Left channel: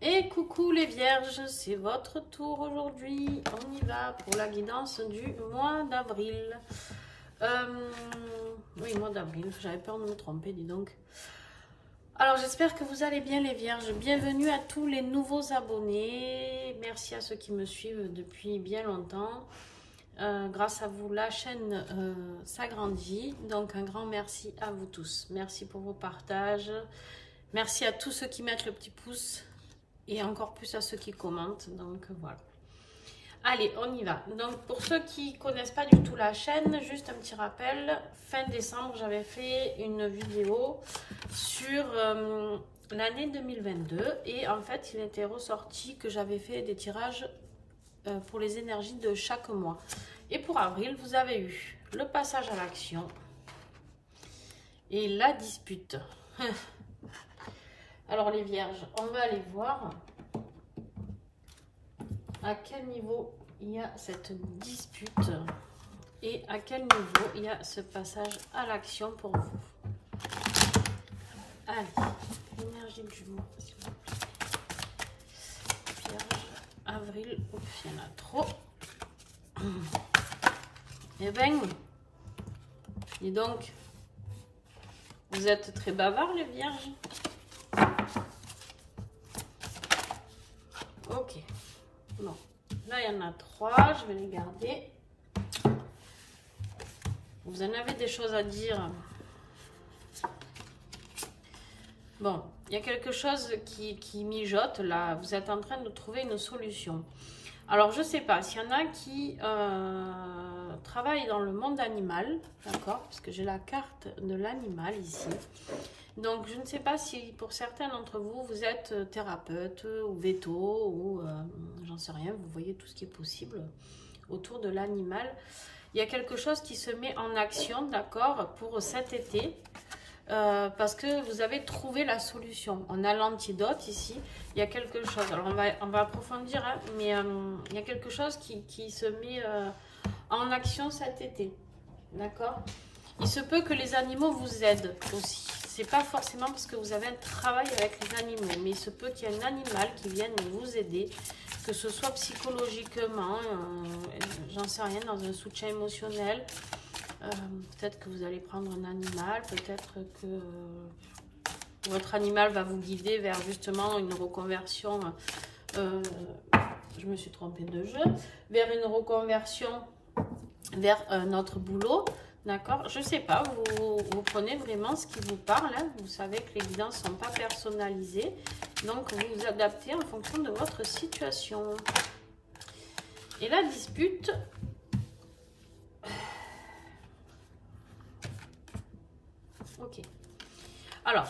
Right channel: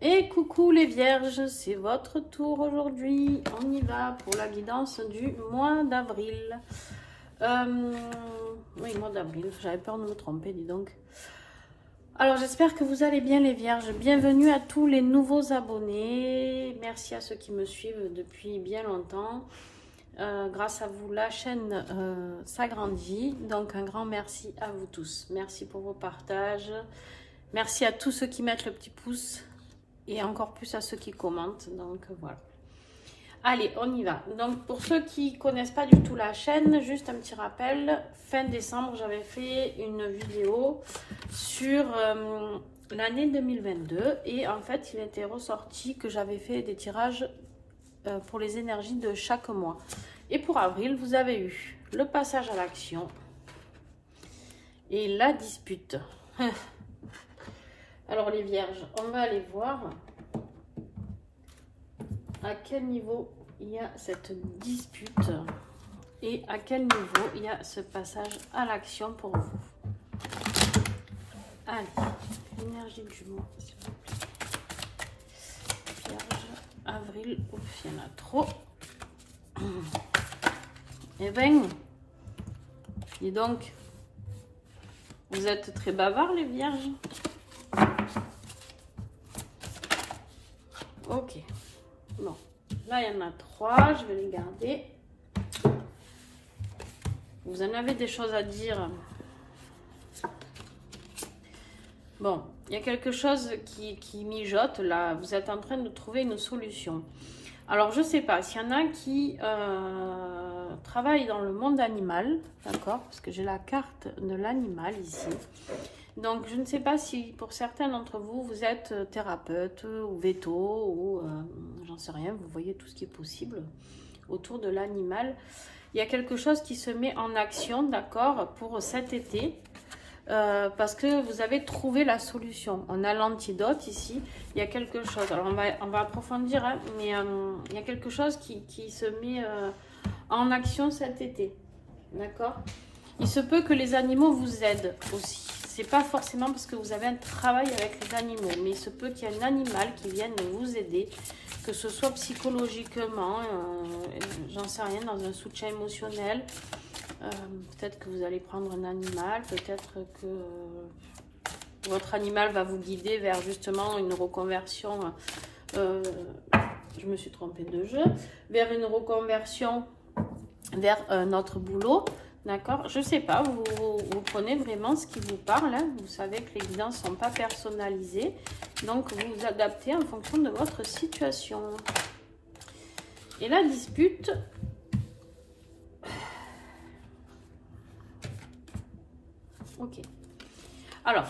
Et coucou les vierges, c'est votre tour aujourd'hui. On y va pour la guidance du mois d'avril. Oui, mois d'avril, j'avais peur de me tromper, dis donc. Alors j'espère que vous allez bien les vierges. Bienvenue à tous les nouveaux abonnés. Merci à ceux qui me suivent depuis bien longtemps. Grâce à vous, la chaîne s'agrandit. Donc un grand merci à vous tous. Merci pour vos partages. Merci à tous ceux qui mettent le petit pouce. Et encore plus à ceux qui commentent. Donc voilà. Allez, on y va. Donc pour ceux qui ne connaissent pas du tout la chaîne, juste un petit rappel. Fin décembre, j'avais fait une vidéo sur l'année 2022. Et en fait, il était ressorti que j'avais fait des tirages pour les énergies de chaque mois. Et pour avril, vous avez eu le passage à l'action et la dispute. Alors les vierges, on va aller voir à quel niveau il y a cette dispute et à quel niveau il y a ce passage à l'action pour vous. Allez, l'énergie du mois. Vierge, avril, ouf, il y en a trop. Et ben, dis donc, vous êtes très bavards les vierges. Ok, bon, là il y en a 3, je vais les garder. Vous en avez des choses à dire. Bon, il y a quelque chose qui mijote là, vous êtes en train de trouver une solution. Alors je sais pas, s'il y en a qui travaillent dans le monde animal, d'accord, parce que j'ai la carte de l'animal ici. Donc, je ne sais pas si pour certains d'entre vous, vous êtes thérapeute ou veto ou j'en sais rien, vous voyez tout ce qui est possible autour de l'animal. Il y a quelque chose qui se met en action, d'accord, pour cet été parce que vous avez trouvé la solution. On a l'antidote ici, il y a quelque chose. Alors, on va approfondir, hein, mais il y a quelque chose qui se met en action cet été, d'accord. Il se peut que les animaux vous aident aussi. C'est pas forcément parce que vous avez un travail avec les animaux, mais il se peut qu'il y ait un animal qui vienne vous aider, que ce soit psychologiquement, j'en sais rien, dans un soutien émotionnel. Peut-être que vous allez prendre un animal, peut-être que votre animal va vous guider vers justement une reconversion. Je me suis trompée de jeu, vers une reconversion vers notre boulot. D'accord, je ne sais pas, vous prenez vraiment ce qui vous parle, hein. Vous savez que les guidances ne sont pas personnalisées, donc vous vous adaptez en fonction de votre situation. Et la dispute, ok. Alors,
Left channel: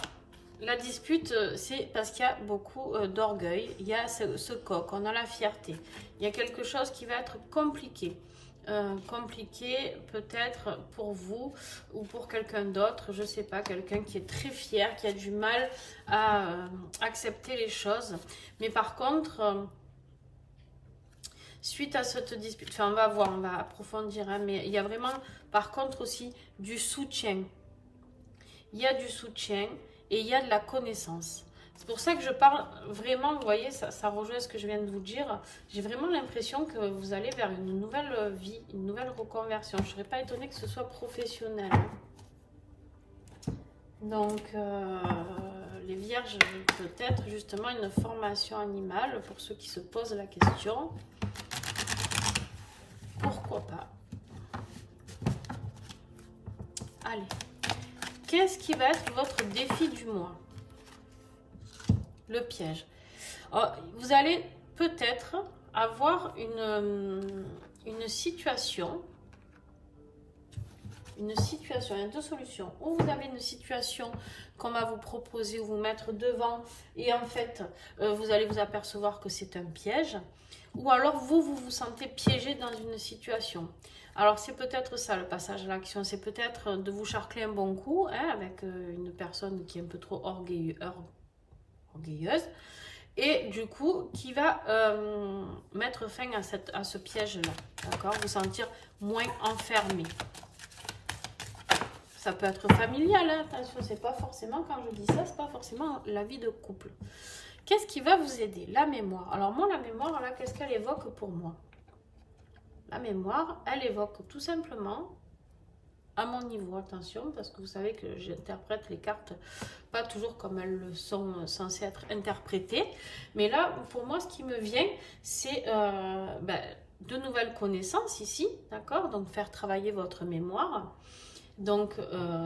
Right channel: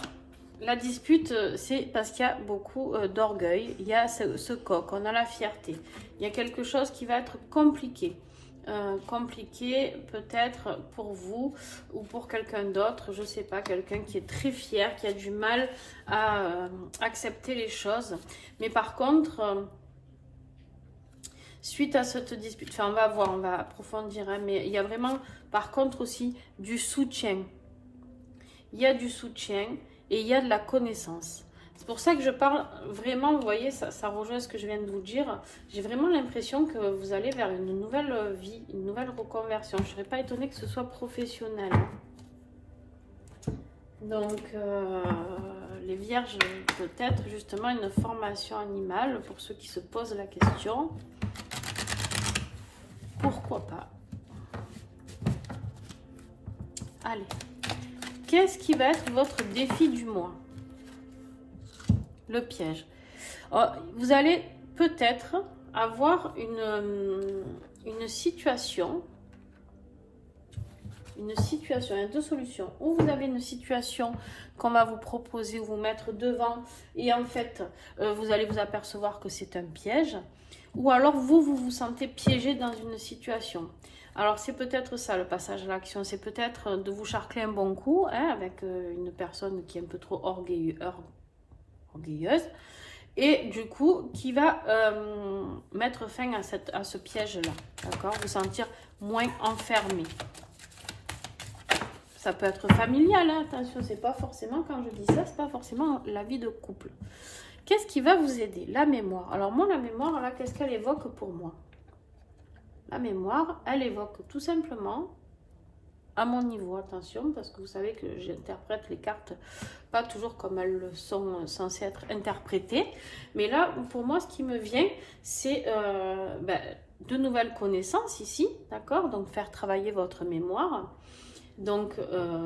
la dispute, c'est parce qu'il y a beaucoup d'orgueil, il y a ce coq, on a la fierté, il y a quelque chose qui va être compliqué. Compliqué peut-être pour vous ou pour quelqu'un d'autre, je sais pas, quelqu'un qui est très fier, qui a du mal à accepter les choses. Mais par contre, suite à cette dispute, enfin on va voir, on va approfondir, hein, mais il y a vraiment par contre aussi du soutien. Il y a du soutien et il y a de la connaissance. C'est pour ça que je parle vraiment, vous voyez, ça rejoint ce que je viens de vous dire. J'ai vraiment l'impression que vous allez vers une nouvelle vie, une nouvelle reconversion. Je ne serais pas étonnée que ce soit professionnel. Donc, les vierges, peut-être justement une formation animale pour ceux qui se posent la question. Pourquoi pas? Allez, qu'est-ce qui va être votre défi du mois? Le piège. Alors, vous allez peut-être avoir une situation. Il y a deux solutions. Ou vous avez une situation qu'on va vous proposer ou vous mettre devant et en fait, vous allez vous apercevoir que c'est un piège. Ou alors, vous sentez piégé dans une situation. Alors, c'est peut-être ça, le passage à l'action. C'est peut-être de vous charcler un bon coup, hein, avec une personne qui est un peu trop orgueilleuse et du coup qui va mettre fin à ce piège là, d'accord, vous sentir moins enfermé. Ça peut être familial, hein, attention, c'est pas forcément, quand je dis ça, c'est pas forcément la vie de couple. Qu'est-ce qui va vous aider? La mémoire. Alors moi, la mémoire, là, qu'est-ce qu'elle évoque pour moi? La mémoire, elle évoque tout simplement, à mon niveau, attention, parce que vous savez que j'interprète les cartes pas toujours comme elles sont censées être interprétées. Mais là, pour moi, ce qui me vient, c'est de nouvelles connaissances ici, d'accord? Donc, faire travailler votre mémoire. Donc,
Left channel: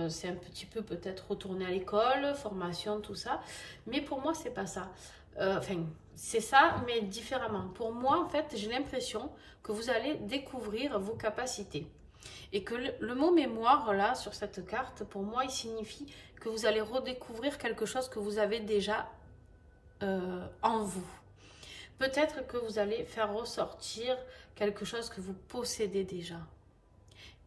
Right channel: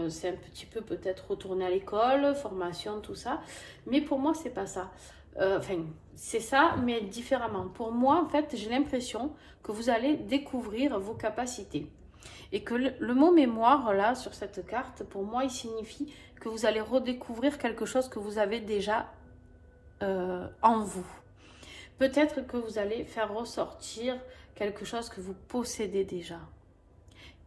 c'est un petit peu peut-être retourner à l'école, formation, tout ça. Mais pour moi, c'est pas ça. Enfin, c'est ça, mais différemment. Pour moi, en fait, j'ai l'impression que vous allez découvrir vos capacités. Et que le mot mémoire, là, sur cette carte, pour moi, il signifie que vous allez redécouvrir quelque chose que vous avez déjà en vous. Peut-être que vous allez faire ressortir quelque chose que vous possédez déjà,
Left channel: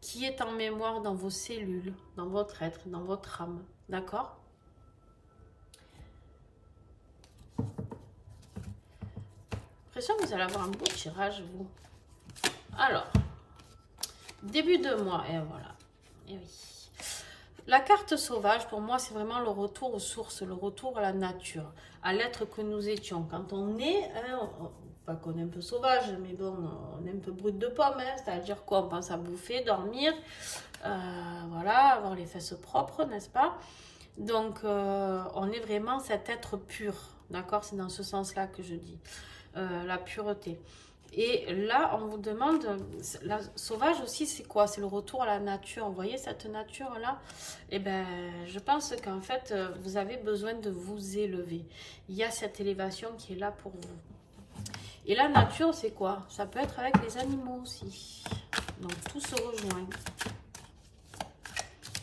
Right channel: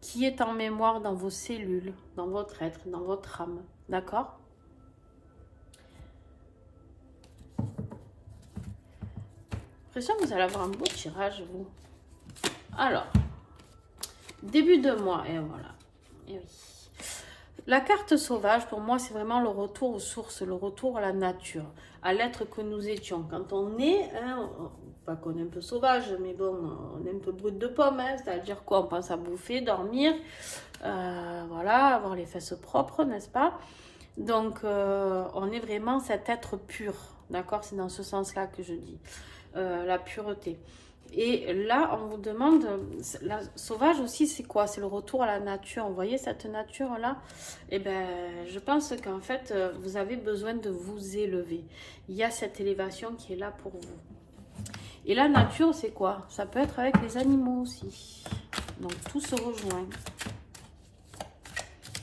qui est en mémoire dans vos cellules, dans votre être, dans votre âme. D'accord? J'ai l'impression que vous allez avoir un beau tirage, vous. Alors, début de mois, et voilà. Et oui. La carte sauvage, pour moi, c'est vraiment le retour aux sources, le retour à la nature, à l'être que nous étions. Quand on est, hein, pas qu'on est un peu sauvage, mais bon, on est un peu brut de pomme, hein, c'est-à-dire quoi? On pense à bouffer, dormir, voilà, avoir les fesses propres, n'est-ce pas? Donc, on est vraiment cet être pur, d'accord? C'est dans ce sens-là que je dis, la pureté. Et là, on vous demande, la sauvage aussi, c'est quoi? C'est le retour à la nature. Vous voyez cette nature-là? Eh bien, je pense qu'en fait, vous avez besoin de vous élever. Il y a cette élévation qui est là pour vous. Et la nature, c'est quoi? Ça peut être avec les animaux aussi. Donc, tout se rejoint.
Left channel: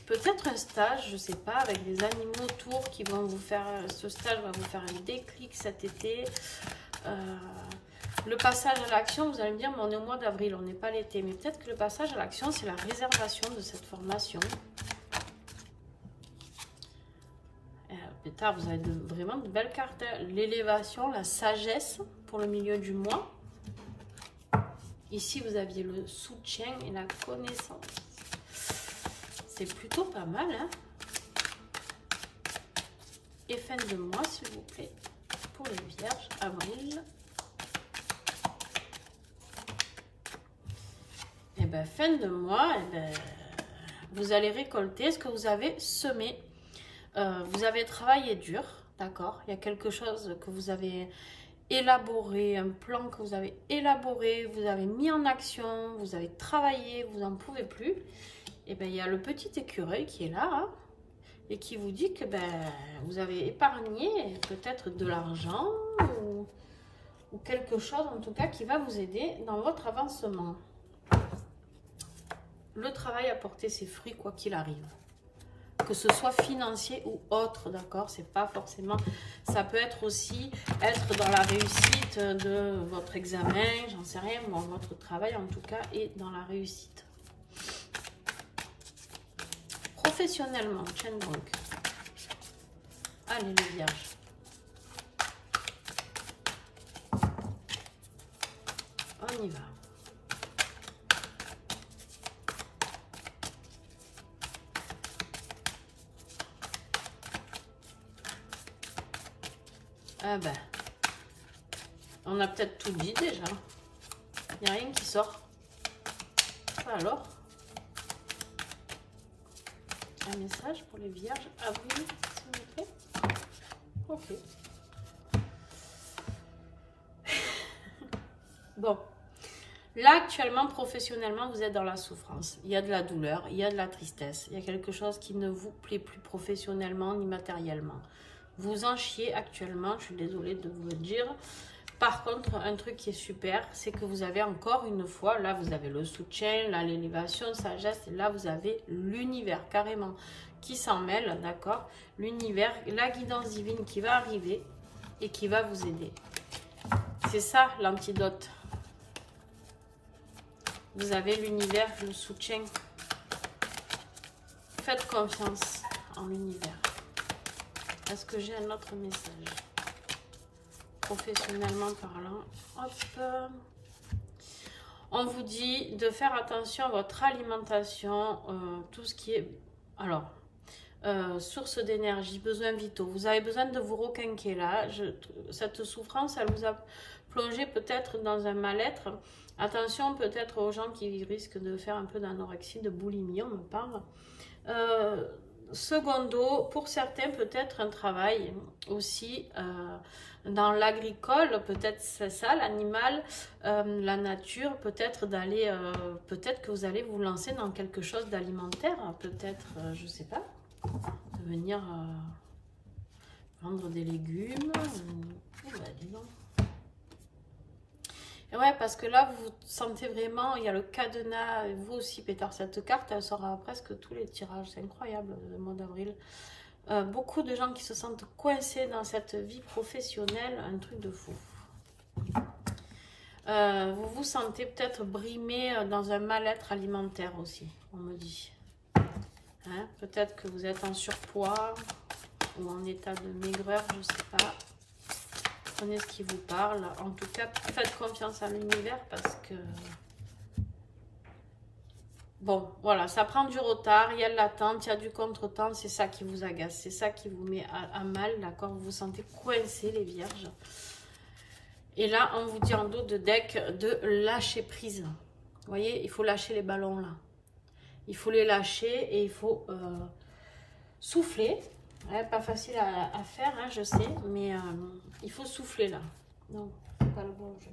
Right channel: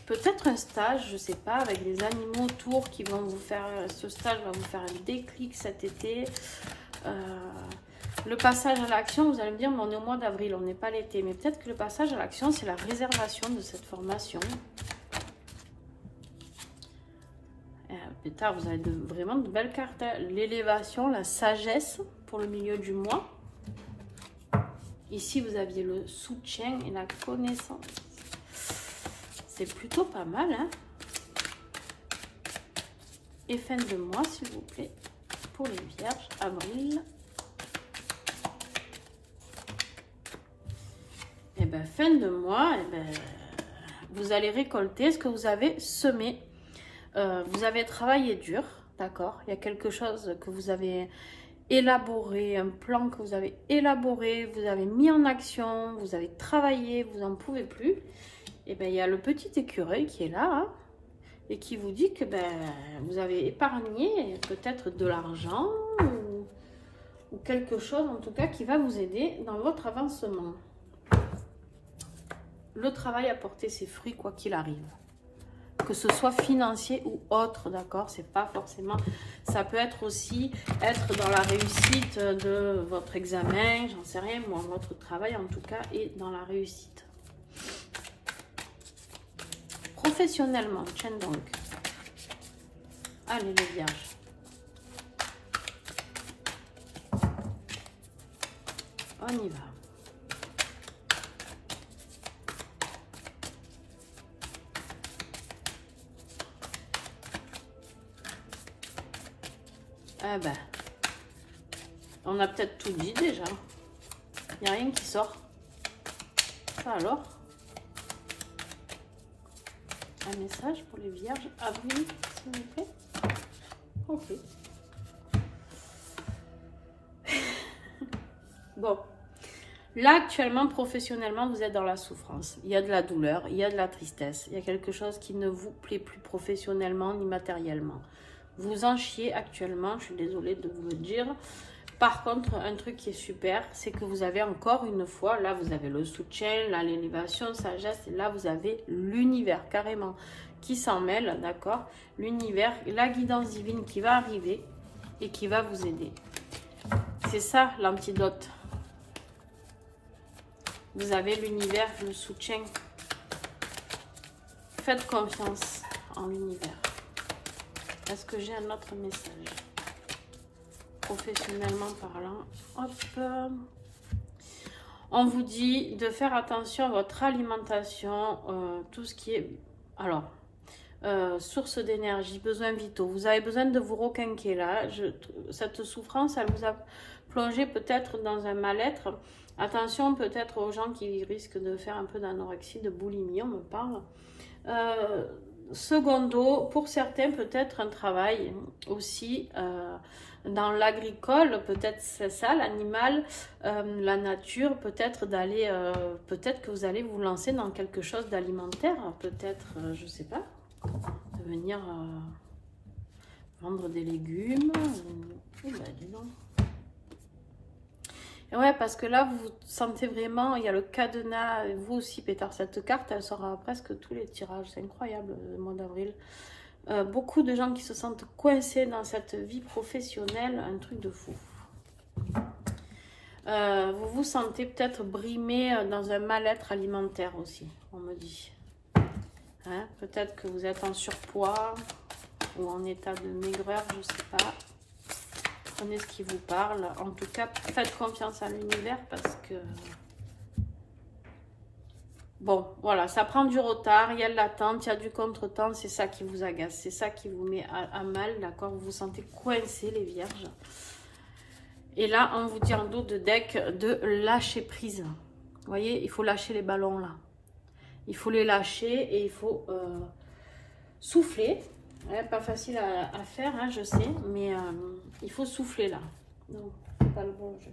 Peut-être un stage, je ne sais pas, avec des animaux autour qui vont vous faire... Ce stage va vous faire un déclic cet été. Le passage à l'action, vous allez me dire, mais on est au mois d'avril, on n'est pas l'été. Mais peut-être que le passage à l'action, c'est la réservation de cette formation. Plus tard, vous avez vraiment de belles cartes. L'élévation, la sagesse pour le milieu du mois. Ici, vous aviez le soutien et la connaissance. C'est plutôt pas mal, hein? Et fin de mois, s'il vous plaît, pour les vierges, avril. Et bien, fin de mois, vous allez récolter ce que vous avez semé. Vous avez travaillé dur, d'accord? Il y a quelque chose que vous avez élaboré, un plan que vous avez élaboré, vous avez mis en action, vous avez travaillé, vous n'en pouvez plus. Et bien, il y a le petit écureuil qui est là, hein, et qui vous dit que vous avez épargné peut-être de l'argent ou quelque chose, en tout cas, qui va vous aider dans votre avancement. Le travail a porté ses fruits, quoi qu'il arrive. Que ce soit financier ou autre, d'accord? C'est pas forcément... Ça peut être aussi être dans la réussite de votre examen, j'en sais rien, moi, votre travail, en tout cas, est dans la réussite. Professionnellement, tiens donc. Allez, les vierges. On y va. Ah ben, on a peut-être tout dit déjà. Il n'y a rien qui sort. Ça alors? Un message pour les vierges avril, s'il vous plaît. Ok. Bon. Là, actuellement, professionnellement, vous êtes dans la souffrance. Il y a de la douleur, il y a de la tristesse. Il y a quelque chose qui ne vous plaît plus professionnellement ni matériellement. Vous en chiez actuellement, je suis désolée de vous le dire. Par contre, un truc qui est super, c'est que vous avez encore une fois, là vous avez le soutien, là l'élévation, sagesse, et là vous avez l'univers carrément qui s'en mêle, d'accord? L'univers, la guidance divine qui va arriver et qui va vous aider. C'est ça l'antidote. Vous avez l'univers, le soutien. Faites confiance en l'univers. Est-ce que j'ai un autre message? Professionnellement parlant, hop. On vous dit de faire attention à votre alimentation, tout ce qui est... Alors, source d'énergie, besoins vitaux. Vous avez besoin de vous requinquer là. Cette souffrance, elle vous a plongé peut-être dans un mal-être. Attention peut-être aux gens qui risquent de faire un peu d'anorexie, de boulimie, on me parle. Secondo, pour certains, peut-être un travail aussi dans l'agricole, peut-être c'est ça, l'animal, la nature, peut-être d'aller, peut-être que vous allez vous lancer dans quelque chose d'alimentaire, peut-être, je sais pas, de venir vendre des légumes. Oh, bah, dis donc. Et ouais, parce que là, vous sentez vraiment, il y a le cadenas, et vous aussi, Peter, cette carte, elle sort à presque tous les tirages, c'est incroyable, le mois d'avril. Beaucoup de gens qui se sentent coincés dans cette vie professionnelle, un truc de fou. Vous vous sentez peut-être brimé dans un mal-être alimentaire aussi, on me dit. Hein? Peut-être que vous êtes en surpoids ou en état de maigreur, je ne sais pas. Prenez ce qui vous parle. En tout cas, faites confiance à l'univers parce que... Bon, voilà, ça prend du retard, il y a de l'attente, il y a du contretemps, c'est ça qui vous agace, c'est ça qui vous met à mal, d'accord? Vous vous sentez coincés, les vierges. Et là, on vous dit en dos de deck de lâcher prise. Vous voyez, il faut lâcher les ballons là. Il faut les lâcher et il faut souffler. Ouais, pas facile à faire, hein, je sais, mais il faut souffler là. Donc, c'est pas le bon jeu.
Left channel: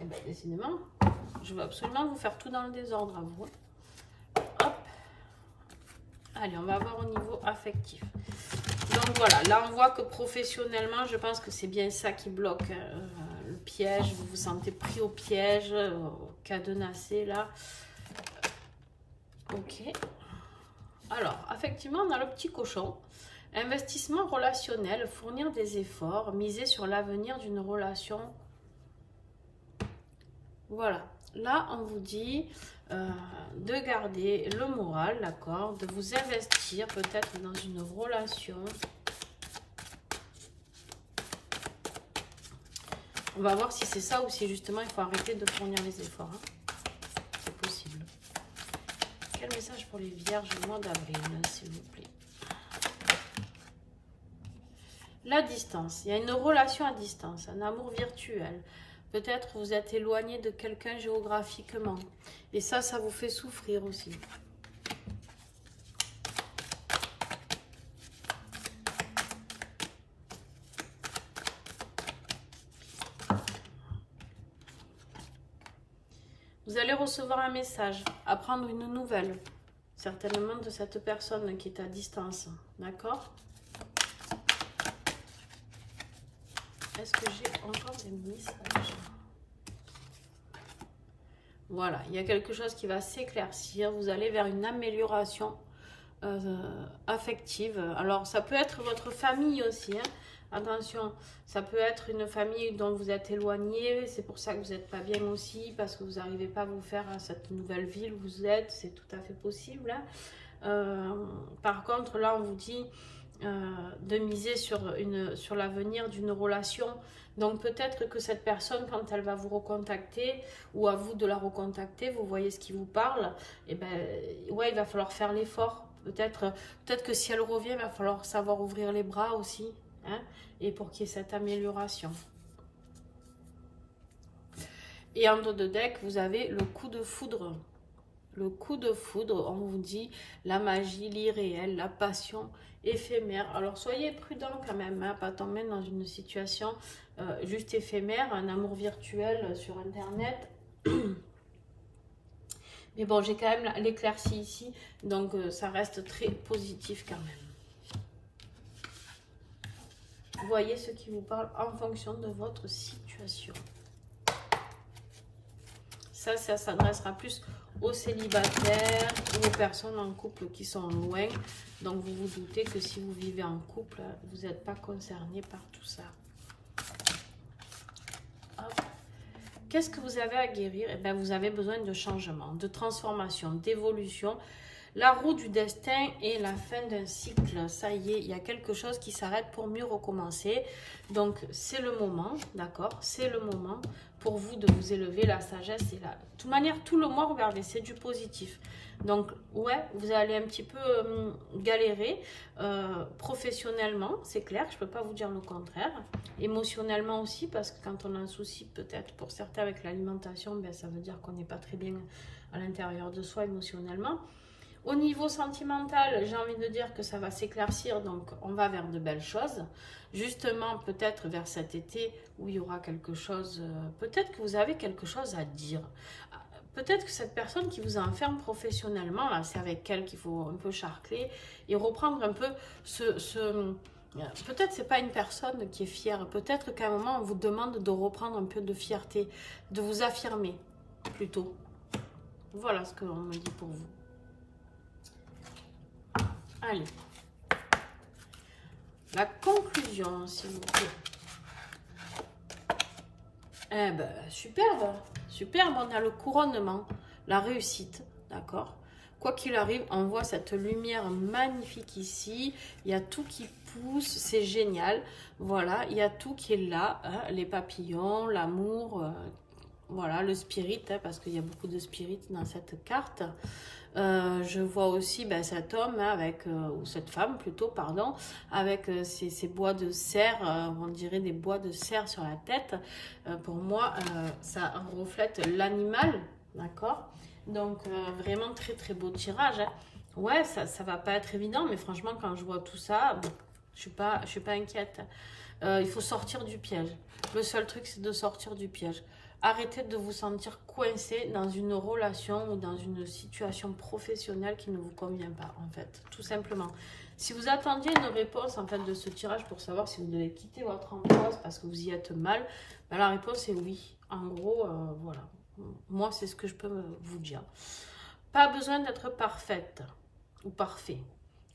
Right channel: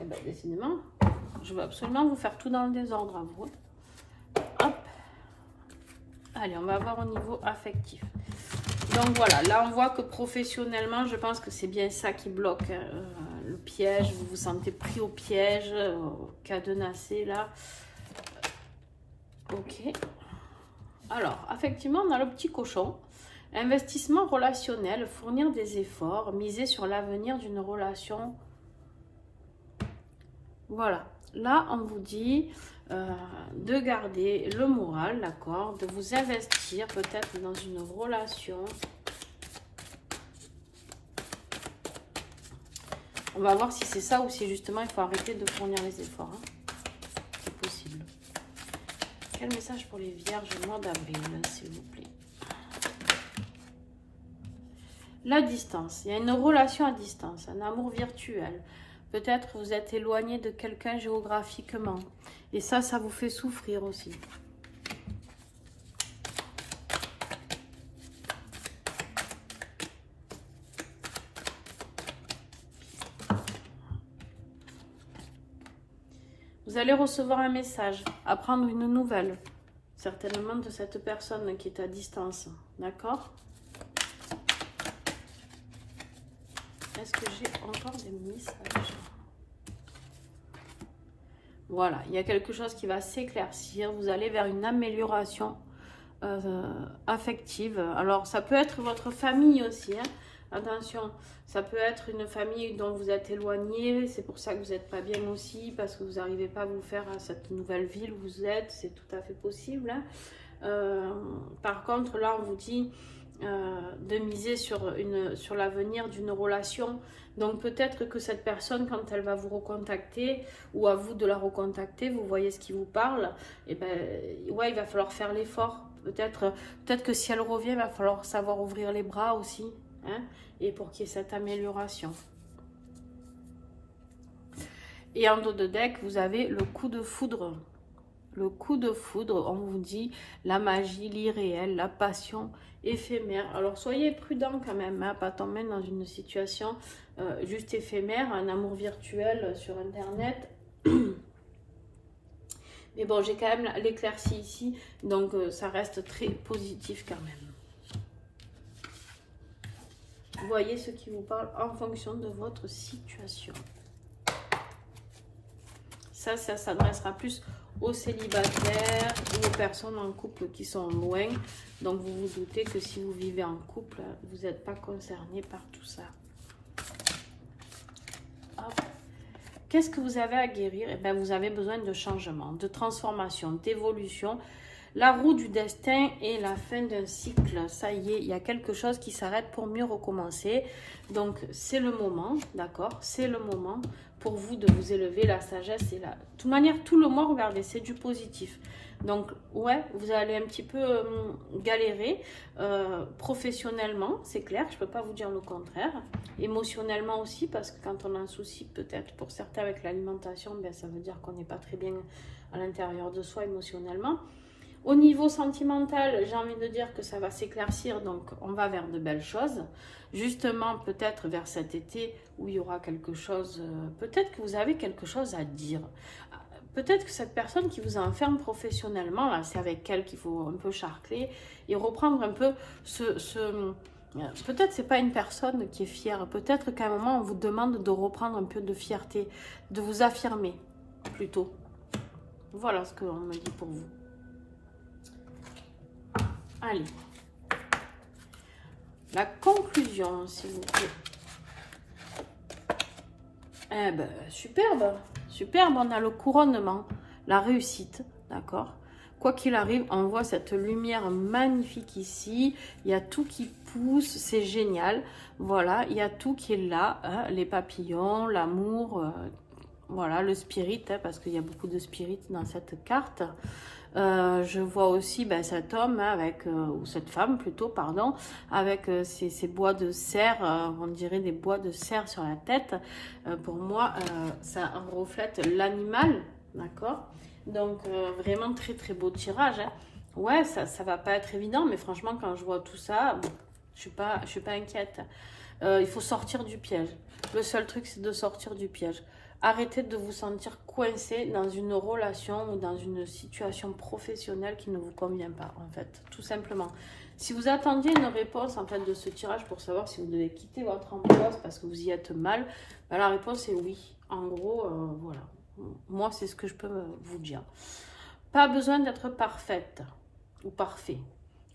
Et bien, décidément, je veux absolument vous faire tout dans le désordre à vous. Hop. Allez, on va voir au niveau affectif. Donc voilà, là on voit que professionnellement, je pense que c'est bien ça qui bloque le piège. Vous vous sentez pris au piège, cadenassé là. Ok. Alors, effectivement, on a le petit cochon. Investissement relationnel, fournir des efforts, miser sur l'avenir d'une relation. Voilà. Là, on vous dit de garder le moral, d'accord, de vous investir peut-être dans une relation. On va voir si c'est ça ou si justement il faut arrêter de fournir les efforts. Hein. C'est possible. Quel message pour les vierges au mois d'avril, s'il vous plaît? La distance. Il y a une relation à distance, un amour virtuel. Peut-être vous êtes éloigné de quelqu'un géographiquement. Et ça vous fait souffrir aussi. Vous allez recevoir un message, apprendre une nouvelle. Certainement de cette personne qui est à distance. D'accord? Est-ce que j'ai encore des messages? Voilà, il y a quelque chose qui va s'éclaircir. Vous allez vers une amélioration affective. Alors, ça peut être votre famille aussi. Hein. Attention, ça peut être une famille dont vous êtes éloigné. C'est pour ça que vous n'êtes pas bien aussi, parce que vous n'arrivez pas à vous faire à cette nouvelle ville où vous êtes. C'est tout à fait possible. Hein. Par contre, là, on vous dit de miser sur l'avenir d'une relation. Donc peut-être que cette personne, quand elle va vous recontacter, ou à vous de la recontacter, vous voyez ce qui vous parle, et ben ouais, il va falloir faire l'effort. Peut-être que si elle revient, il va falloir savoir ouvrir les bras aussi, hein, et pour qu'il y ait cette amélioration. Et en dos de deck, vous avez le coup de foudre. Le coup de foudre, on vous dit la magie, l'irréel, la passion éphémère. Alors soyez prudent quand même, hein, pas tomber dans une situation juste éphémère, un amour virtuel sur internet. Mais bon, j'ai quand même l'éclaircie ici, donc ça reste très positif quand même. Voyez ce qui vous parle en fonction de votre situation. Ça s'adressera plus aux célibataires ou aux personnes en couple qui sont loin. Donc, vous vous doutez que si vous vivez en couple, vous n'êtes pas concerné par tout ça. Qu'est-ce que vous avez à guérir? Eh bien, vous avez besoin de changement, de transformation, d'évolution. La roue du destin et la fin d'un cycle. Ça y est, il y a quelque chose qui s'arrête pour mieux recommencer. Donc, c'est le moment, d'accord? C'est le moment pour vous de vous élever. La sagesse est là. De toute manière, tout le mois, regardez, c'est du positif. Donc, ouais, vous allez un petit peu galérer professionnellement, c'est clair, je ne peux pas vous dire le contraire. Émotionnellement aussi, parce que quand on a un souci, peut-être pour certains avec l'alimentation, ben, ça veut dire qu'on n'est pas très bien à l'intérieur de soi émotionnellement. Au niveau sentimental, j'ai envie de dire que ça va s'éclaircir, donc on va vers de belles choses. Justement, peut-être vers cet été où il y aura quelque chose, peut-être que vous avez quelque chose à dire. Peut-être que cette personne qui vous enferme professionnellement, là, c'est avec elle qu'il faut un peu charcler et reprendre un peu peut-être c'est pas une personne qui est fière. Peut-être qu'à un moment, on vous demande de reprendre un peu de fierté, de vous affirmer plutôt. Voilà ce qu'on me dit pour vous. Allez. La conclusion, s'il vous plaît. Eh ben, superbe. Superbe, on a le couronnement, la réussite, d'accord? Quoi qu'il arrive, on voit cette lumière magnifique ici. Il y a tout qui pousse, c'est génial. Voilà, il y a tout qui est là, hein, les papillons, l'amour, voilà, le spirit, hein, parce qu'il y a beaucoup de spirit dans cette carte. Je vois aussi ben, cet homme hein, avec, ou cette femme plutôt, pardon, avec ces bois de cerf, on dirait des bois de cerf sur la tête. Pour moi, ça reflète l'animal, d'accord? Donc, vraiment très très beau tirage. Hein. Ouais, ça va pas être évident, mais franchement, quand je vois tout ça, bon, je suis pas inquiète. Il faut sortir du piège. Le seul truc, c'est de sortir du piège. Arrêtez de vous sentir coincé dans une relation ou dans une situation professionnelle qui ne vous convient pas, en fait, tout simplement. Si vous attendiez une réponse, en fait, de ce tirage pour savoir si vous devez quitter votre emploi parce que vous y êtes mal, ben, la réponse est oui. En gros, voilà. Moi, c'est ce que je peux vous dire. Pas besoin d'être parfaite ou parfait.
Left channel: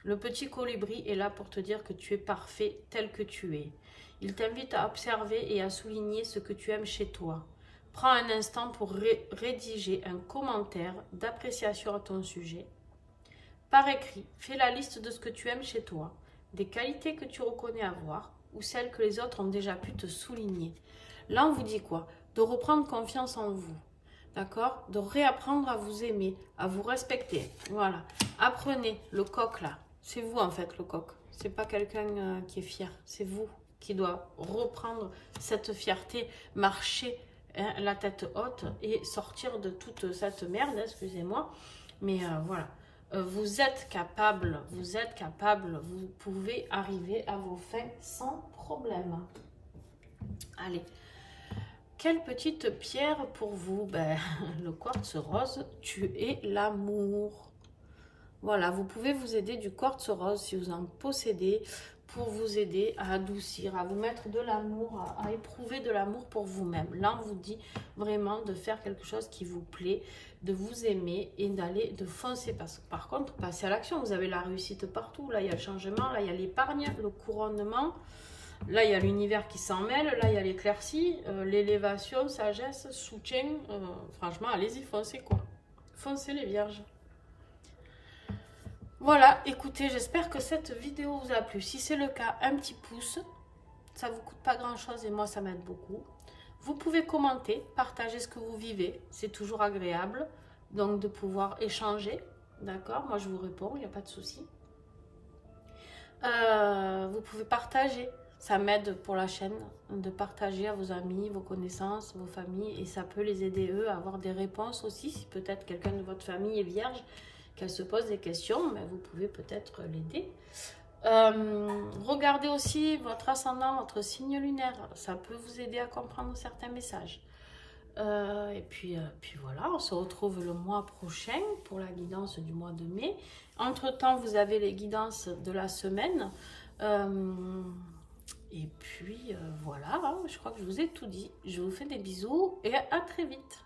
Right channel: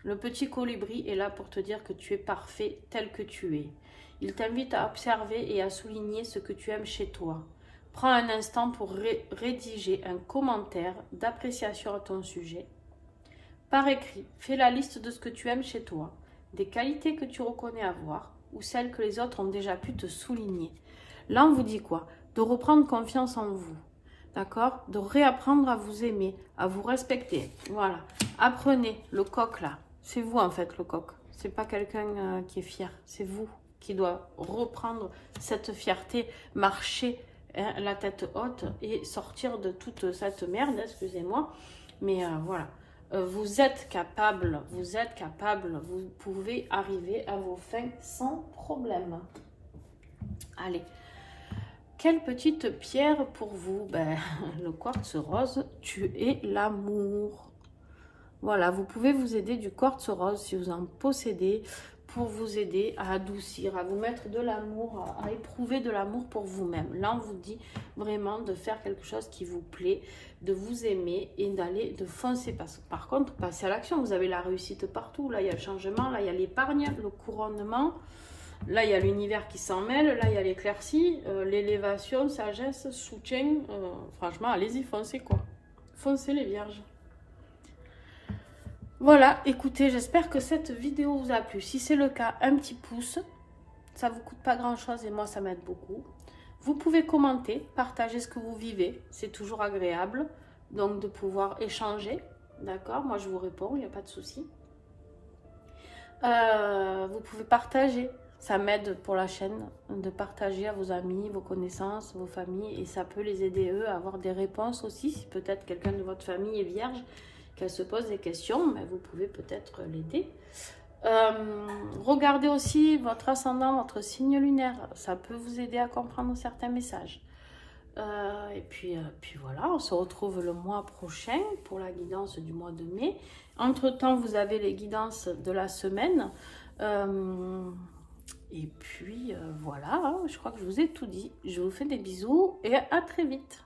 Le petit colibri est là pour te dire que tu es parfait tel que tu es. Il t'invite à observer et à souligner ce que tu aimes chez toi. Prends un instant pour rédiger un commentaire d'appréciation à ton sujet. Par écrit, fais la liste de ce que tu aimes chez toi, des qualités que tu reconnais avoir ou celles que les autres ont déjà pu te souligner. Là, on vous dit quoi? De reprendre confiance en vous, d'accord? De réapprendre à vous aimer, à vous respecter. Voilà. Apprenez le coq là. C'est vous en fait le coq. C'est pas quelqu'un qui est fier. C'est vous qui doit reprendre cette fierté, marcher la tête haute et sortir de toute cette merde, excusez-moi, mais voilà, vous êtes capable, vous pouvez arriver à vos fins sans problème. Allez, quelle petite pierre pour vous? Ben, le quartz rose, tu es l'amour. Voilà, vous pouvez vous aider du quartz rose si vous en possédez, pour vous aider à adoucir, à vous mettre de l'amour, à éprouver de l'amour pour vous-même. Là, on vous dit vraiment de faire quelque chose qui vous plaît, de vous aimer et d'aller, de foncer. Par contre, passez à l'action. Vous avez la réussite partout. Là, il y a le changement, là, il y a l'épargne, le couronnement. Là, il y a l'univers qui s'en mêle. Là, il y a l'éclaircie, l'élévation, sagesse, soutien. Franchement, allez-y, foncez quoi. Foncez les vierges. Voilà, écoutez, j'espère que cette vidéo vous a plu. Si c'est le cas, un petit pouce, ça ne vous coûte pas grand-chose et moi, ça m'aide beaucoup. Vous pouvez commenter, partager ce que vous vivez, c'est toujours agréable, donc de pouvoir échanger, d'accord? Moi, je vous réponds, il n'y a pas de souci. Vous pouvez partager, ça m'aide pour la chaîne, de partager à vos amis, vos connaissances, vos familles, et ça peut les aider, eux, à avoir des réponses aussi, si peut-être quelqu'un de votre famille est vierge, qu'elle se pose des questions, mais vous pouvez peut-être l'aider. Regardez aussi votre ascendant, votre signe lunaire. Ça peut vous aider à comprendre certains messages. Et puis voilà, on se retrouve le mois prochain pour la guidance du mois de mai. Entre-temps, vous avez les guidances de la semaine. Et puis voilà, hein, je crois que je vous ai tout dit. Je vous fais des bisous et à très vite.